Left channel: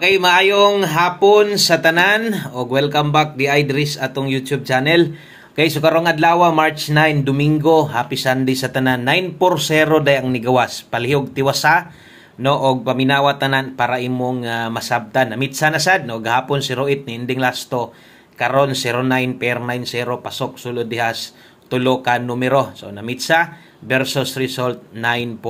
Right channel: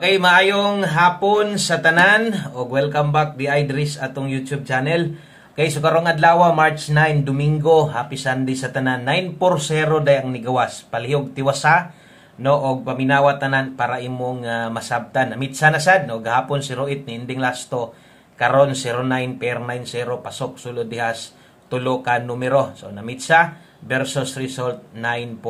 Okay, maayong hapon sa tanan o welcome back di Idris atong YouTube channel. Okay, so karong adlaw March 9, Domingo, happy Sunday sa tanan. 9-0 day ang nigawas. Palihog tiwasa no og paminawa tanan para imong masabtan. Amitsa na sad no gahapon 08 ni ending lasto karon 09 per 90 pasok sulod dihas tulo ka numero. So namitsa versus result 9-0.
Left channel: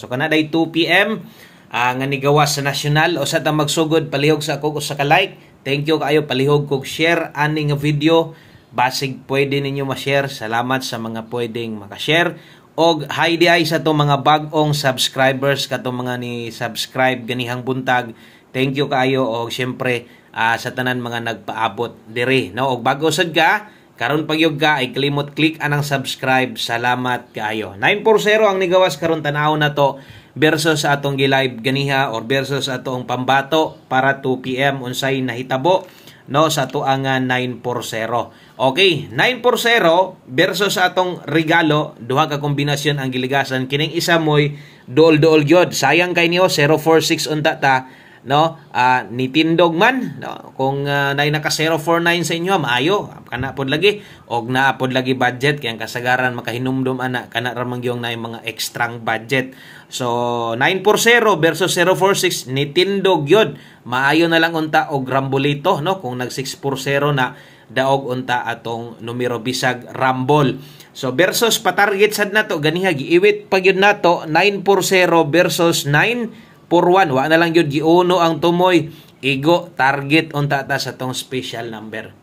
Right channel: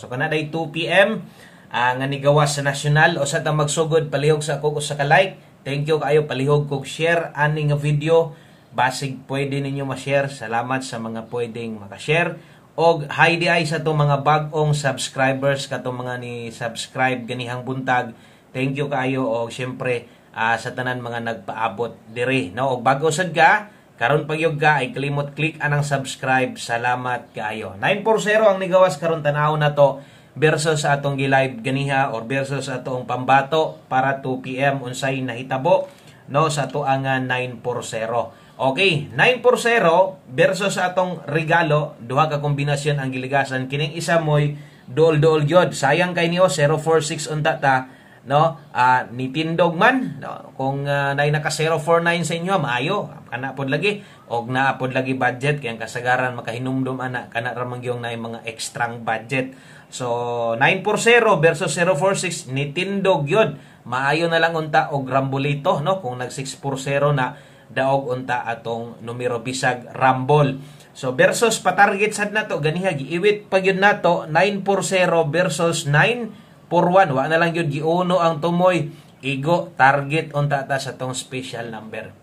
So kanaday 2 PM nga nigawas sa nasyonal o sa ta magsugod palihog sa ako sa ka-like. Thank you kayo palihog kog share ani nga video. Basig pwede ninyo ma-share. Salamat sa mga pwedeng maka-share. Og hi di ay sa to mga bag-ong subscribers kato mga ni subscribe ganihang buntag. Thank you kayo og syempre sa tanan mga nagpaabot diri no og bago sad ka karon pagyog ka ay kalimot click anang subscribe. Salamat kayo. 9-0 ang nigawas karon tan-aw na to versus sa atong gi-live ganiha or versus sa atong pambato para 2 PM unsay nahitabo no sa tuang 9-0. Okay, 9-0 versus sa atong regalo, duha ka kombinasyon ang giligasan. Kining isa moy dool-dool gyud. Sayang kay niyo 046 unta ta no nitindog man no kung nay naka 049 sa inyo maayo kana pod lagi og naa pod lagi budget kay ang kasagaran makahinumdum ana kana ra man gyung nay mga extrang budget. So 9-0 versus 046 nitindog yun. Maayo na lang unta og rambolito no kung nag 6-0 na daog unta atong numero bisag rambol. So versus patarget sad nato ganiha giiwit pag yun nato 9-0 versus 9-1 wa na lang yun giuno ang tumoy igo target unta ta sa tong special number.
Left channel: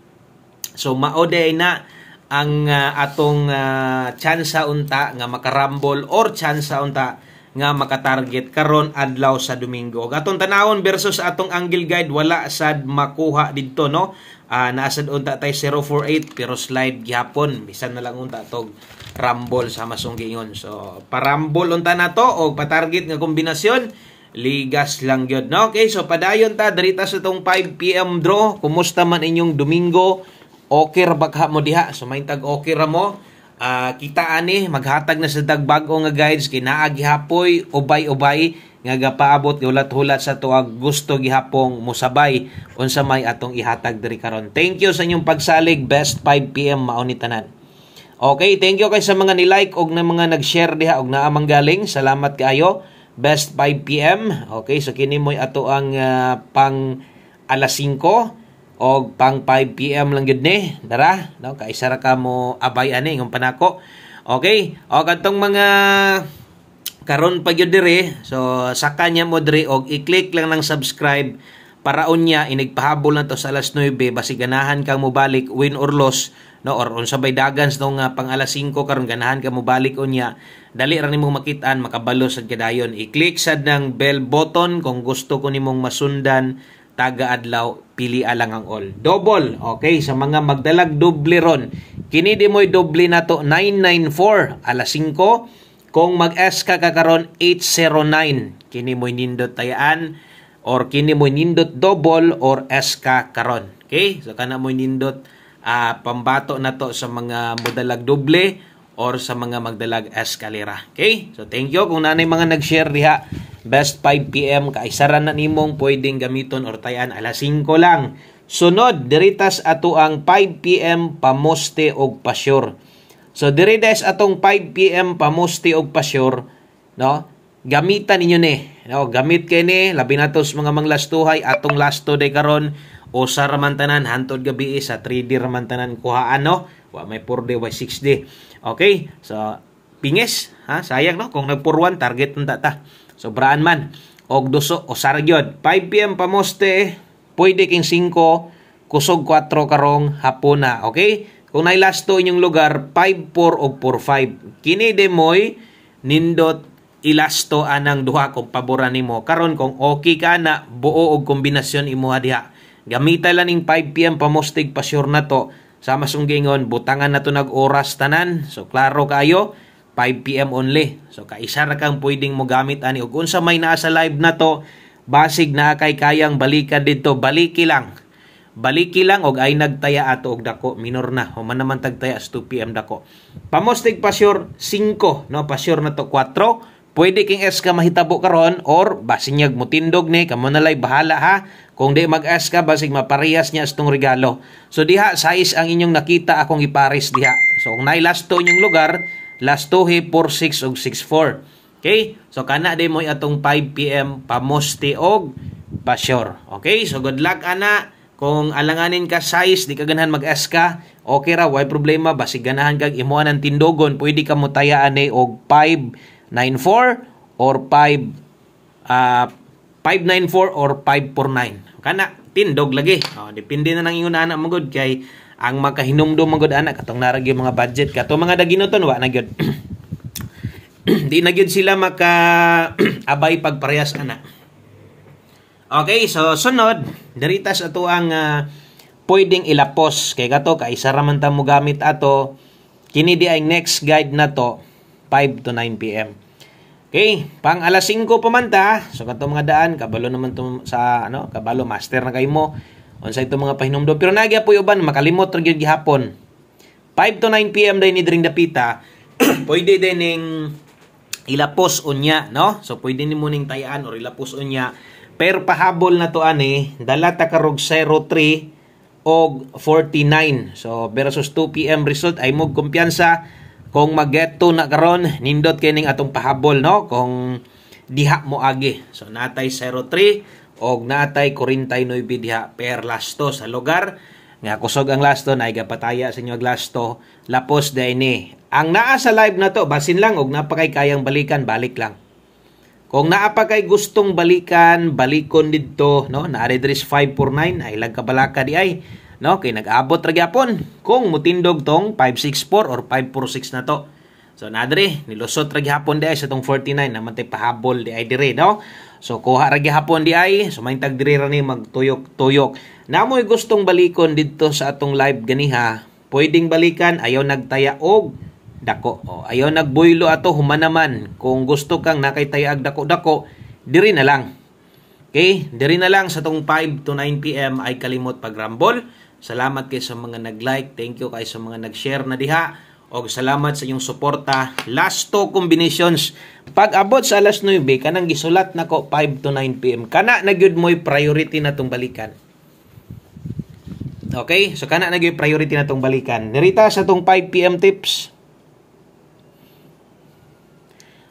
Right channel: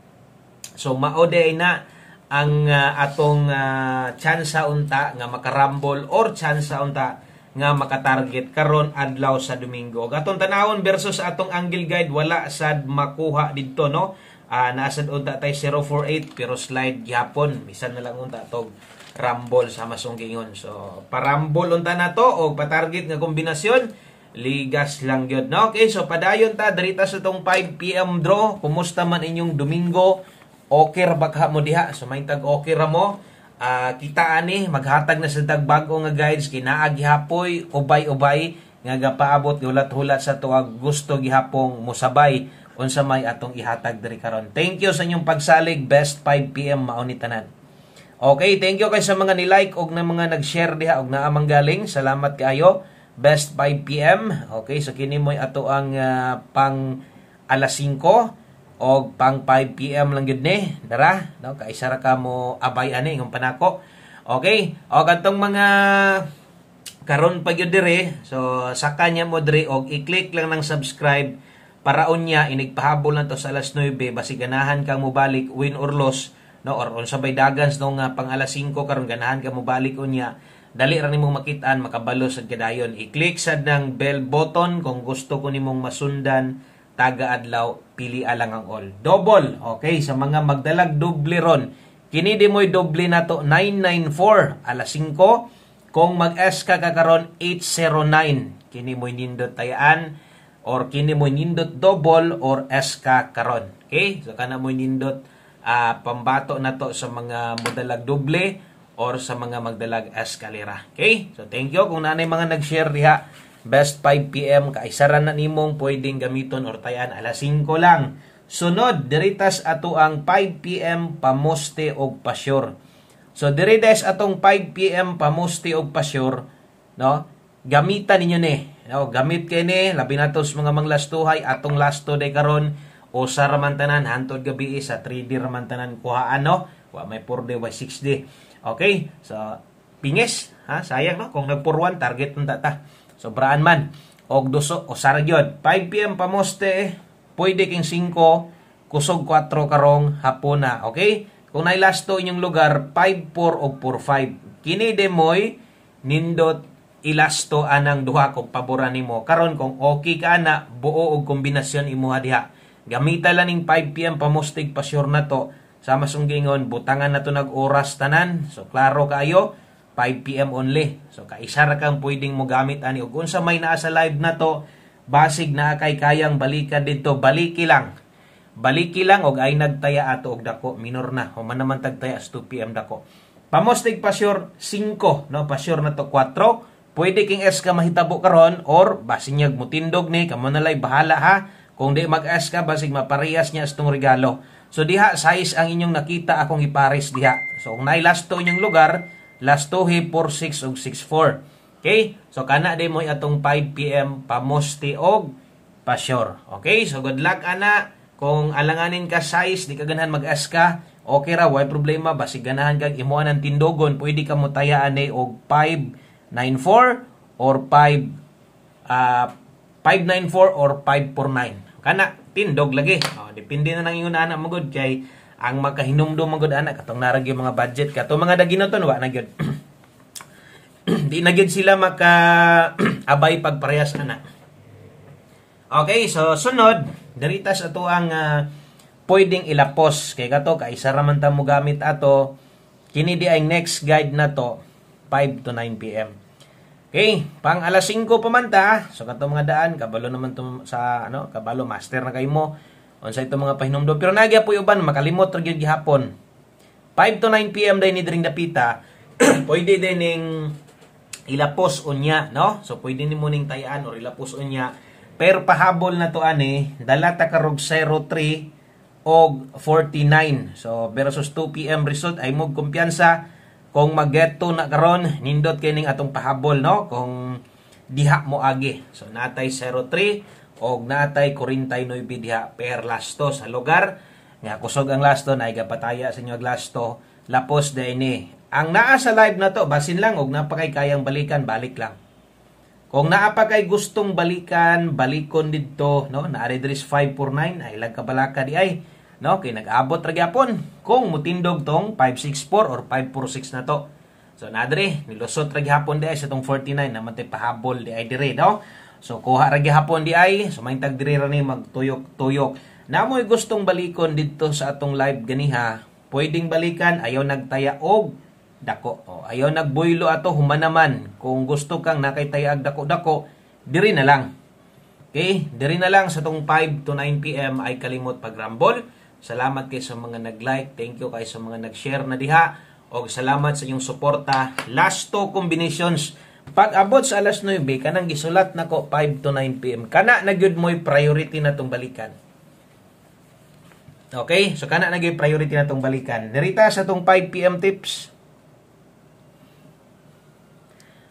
So mao day na ang atong tsansa unta nga makarambol or tsansa unta nga makatarget karon adlaw sa Domingo. Atong tanawon versus atong angle guide wala sad makuha didto no. Naasad unta tay 048 pero slide gihapon bisan na lang unta tog rumble sa masunggingon. So parambol unta nato og patarget nga kombinasyon ligas lang gyud no. Okay, so padayon ta dirita sa tong 5 PM draw. Kumusta man inyong Domingo? Okay ra bakha mo diha? So may tag okay ra mo? Kita ani maghatag na sa dagbago nga guides kay naa gihapoy ubay-ubay nga gapaabot ulat-hulat sa tuag gusto gihapong musabay unsa may atong ihatag diri karon. Thank you sa inyong pagsalig. Best 5 PM mao ni tanan. Okay, thank you kay sa mga ni-like og na mga nag-share diha og naa manggaling. Salamat kaayo. Best 5 PM. Okay, so kini moy ato ang pang alas 5 o pang 5 PM lang yun ni. Dara, no? Kaisa ra ka mo abay ani ng panako. Okay, o katong mga karon pa gyud dire. So sa kanya mo dire og i-click lang ng subscribe para unya inigpahabol na to sa alas 9 basig ganahan kang mobalik win or loss no or unsa bay dagans no nga pang alas 5 karon ganahan ka mobalik unya. Dali ra nimo makit-an makabalo sad kadayon. I-click sad ng bell button kung gusto ko nimong masundan taga-adlaw, pili alang ang all. Double, okay, sa mga magdalag doble ron. Kini di mo'y doble na to, 994, alas 5. Kung mag-S ka karon 809, kini mo'y nindot tayaan, or kini mo'y nindot double, or S ka karon. Okay, so kana mo'y nindot pambato na to sa mga modalag doble, or sa mga magdalag eskalera. Okay, so thank you. Kung nanay mga nag-share diha, best 5 PM kaisaran na nimong pwedeng gamiton or tayan alas 5 lang. Sunod diritas ato ang 5 PM pamoste og pasyur. So diritas atong 5 PM pamoste og pasyur, no? Gamitan ninyo ni. No, gamit kay ni labi na to sa mga manglastuhay atong lasto day karon usa ra man tanan hantod gabi sa 3D ra man tanan kuhaan no. Wa may 4D wa 6D. Okay? So pingis, ha? Sayang no kung nag-1 target unta ta. Sobraan man. Og duso o sargyod. 5 PM pamoste, pwede king 5, kusog 4 karong hapon na. Okay? Kung nailasto inyong lugar, 5-4 o 4-5. Kini demoy nindot ilasto anang duha kung paboran nimo. Karon kung okay ka na, buo og kombinasyon imo diha. Gamita lang ning 5 PM pamostig pasyur na to. Sa masunggingon, butangan na to nag-oras tanan. So klaro kayo, 5 PM only. So kaisa ra kang pwedeng mo gamit ani ug unsa may naa sa live na to, basig na kay kayang balikan dito, baliki lang. Baliki lang og ay nagtaya ato og dako minor na. Human naman tagtaya sa 2 PM dako. Pamostig pasyur 5, no pasyur na to 4, pwede king eska mahitabo karon or basinyag mo tindog ni kamo nalay bahala ha. Kung di mag-eska basig maparehas niya astong regalo. So diha size ang inyong nakita akong ipares diha. So kung naay last 2 inyong lugar, last 2 hi 46 ug 64. Okay? So kana di mo atong 5 PM pamusti og pa-sure. Okay? So good luck ana. Kung alanganin ka size, di ka ganahan mag-eska, okay ra, why problema, basig ganahan kag imuan ng tindogon, pwede ka mo tayaan og 594 or 594 or 549. Kana tindog lagi. Depende na lang yung anak mo gud kay ang makahinumdum mo gud anak katong narag yung mga budget kato mga daginoton wa na gyud. Di na gyud sila maka abay pagparehas ana. Okay, so sunod, darita sa ato ang pwedeng ilapos kay kato kay isa ra man ta mo gamit ato. Kini di ay next guide na to 5 to 9 PM. Okay, pang alas 5 pa man ta. So kato mga daan kabalo naman to sa kabalo master na kay mo. Unsay to mga pahinumdom pero nagya po uban makalimot ra gyud gihapon. 5 to 9 PM day ni dring dapita. Pwede din ning ilapos unya, no? So pwede ni mo ning tayan or ilapos unya. Pero pahabol na to ani, dala ta karog 03 og 49. So versus 2 PM result ay mo kumpiyansa kung mag-get to na karon nindot kining atong pahabol no kung diha mo agi. So natay 03 og natay 49 diha per lasto sa lugar nga kusog ang lasto na igapataya sa inyo lasto lapos day ni. Ang naa sa live na to basin lang og napakay kayang balikan balik lang. Kung naa pa kay gustong balikan, balikon didto, no? Na address 549 ay lag kabalaka di ay, no? Kay nag-abot ra gyapon kung mutindog tong 564 or 546 na to. So nadre nilusot ra gyapon di ay sa tong 49 naman tay pahabol di ay dire, no? So kuha ra gyapon di ay, so may tag dire ra ni magtuyok-tuyok. Namoy gustong balikon didto sa atong live ganiha, pwedeng balikan ayaw nagtaya og dako. Ayaw nagbuylo ato humanaman. Kung gusto kang nakaytayag dako-dako, diri na lang. Okay? Diri na lang sa tong 5 to 9 PM ay kalimot pagrambol. Salamat kay sa mga nag-like. Thank you kay sa mga nag-share na diha. O salamat sa inyong suporta. Last 2 combinations. Pag abot sa alas 9, kanang gisulat nako 5 to 9 PM. Kana na gyud mo'y priority na tong balikan. Okay? So kana na gyud priority na tong balikan. Narita sa tong 5 PM tips.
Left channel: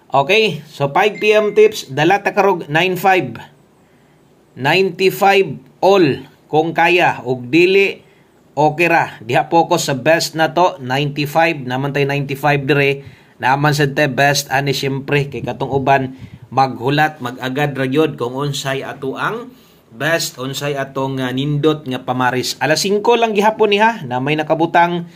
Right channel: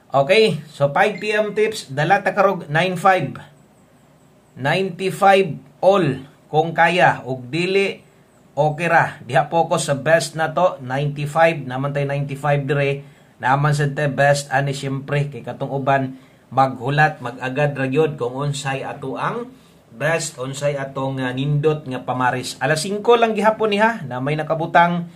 Okay, so 5 PM tips, dala ta karog 95. 95 all kung kaya ug dili okay ra. Diha focus sa best na to, 95 naman tay 95 dire. Naman sa te best ani syempre kay katong uban maghulat mag-agad ra gyud kung unsay ato ang best unsay atong nindot nga pamaris. Alas 5 lang gihapon niha na may nakabutang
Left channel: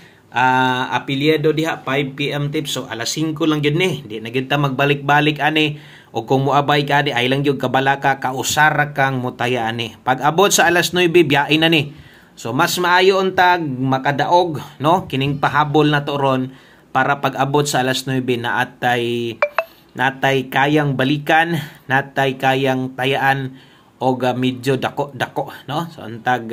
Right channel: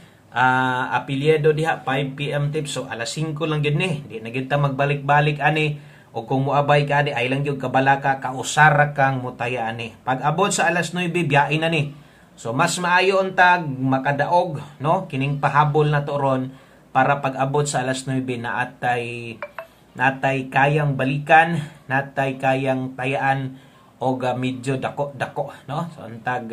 apelyido diha 5 PM tips. So alas 5 lang gyud ni. Di na gyud ta magbalik-balik ani o kung muabay ka di ay lang gyud kabalaka kausara kang mutaya ani. Pag abot sa alas 9 biyain na ni. So mas maayo untag makadaog no kining pahabol na to ron para pag abot sa alas 9 natay kayang balikan, natay kayang tayaan og medyo dako no. So untag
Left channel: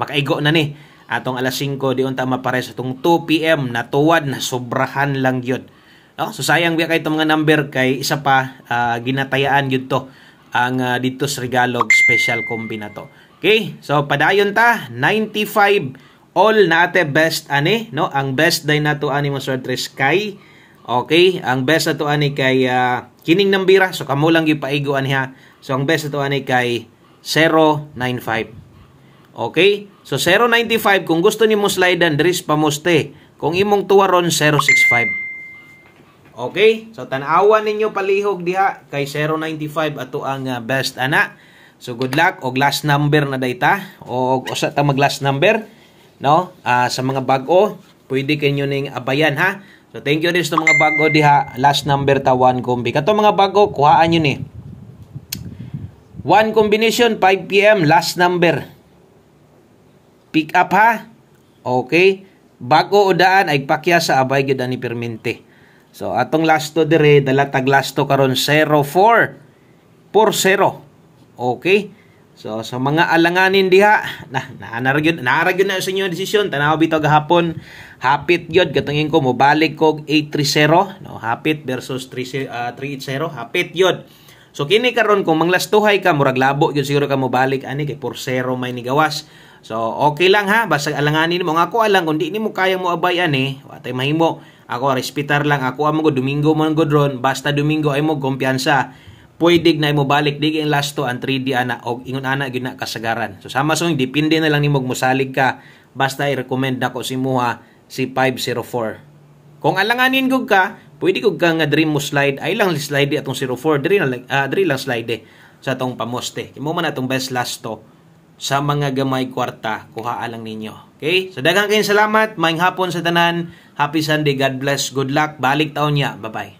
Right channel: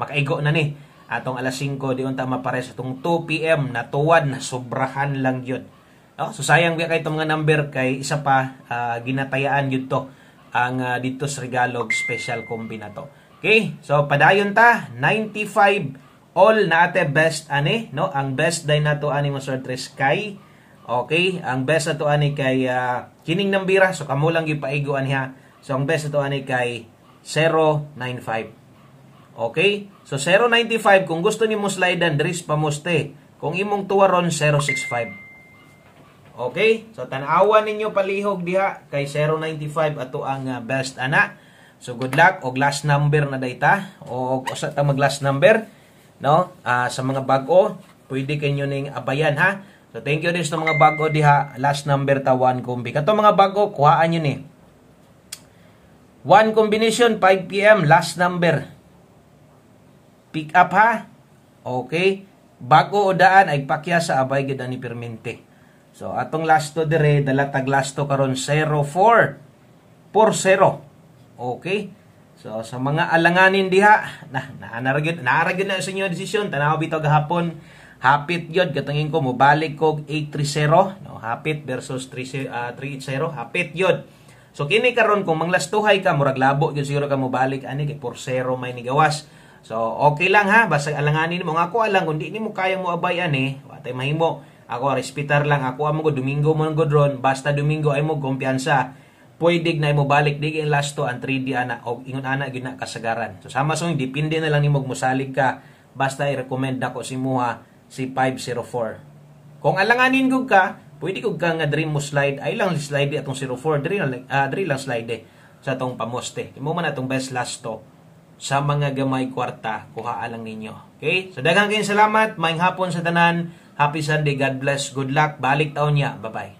makaigo na ni. Atong alas 5 di unta mapares atong 2 PM na tuwad na sobrahan lang gyud. No? So sayang biya kay itong mga number kay isa pa ginatayaan gyud to ang dito sa Regalog special combi na to. Okay? So padayon ta 95 all nate best ani no. Ang best day nato ani mo sortres kay okay, ang best ato ani kay kining nambira so kamo lang gipaigo aniha. So ang best ato ani kay 095. Okay? So 095 kung gusto nimo slidean dris pamuste. Kung imong tuwaron 065. Okay? So tan-awan ninyo palihog diha kay 095 ato ang best ana. So good luck og last number na dayta og usa ta mag last number no sa mga bag-o pwede kanyo ning abayan ha. So thank you din sa mga bag-o diha last number ta 1 combi. Kato mga bag-o kuhaan nyo ni. 1 combination 5 PM last number. Pick up ha. Okay. Bago o daan ay pakya sa abay gid ani permente. So atong lasto dire dala tag lasto karon 0440. Okay. So sa mga alanganin diha, naaragyon na sa inyo desisyon, tanaw bitaw gahapon. Hapit yun, katungin ko, mobalik ko 830, no? Hapit versus 380, hapit yun. So kini karon kung manglastuhay ka, murag labo yun siguro ka mobalik, ani kay 4-0 may nigawas. So okay lang ha, basta alanganin mo. Ako alang, kung di mo kaya mo abay ani, watay mahimo. Ako respitar lang, ako amo ko, Domingo mo go drone, basta Domingo ay mo kumpiyansa. Pwede na mo balik dig ang last to ang 3D ana og ingon ana gyud na kasagaran. So sama so depende na lang nimo mosalig ka, basta i-recommend ako si Muha si 504. Kung alanganin gud ka, pwede gud ka nga dream mo slide, ay lang slide atong 04 diri lang slide sa atong pamoste. Imo man atong best last to sa mga gamay kwarta kuha lang ninyo. Okay? So daghang kayong salamat, maayong hapon sa tanan. Happy Sunday, God bless, good luck, balik taon niya. Bye-bye.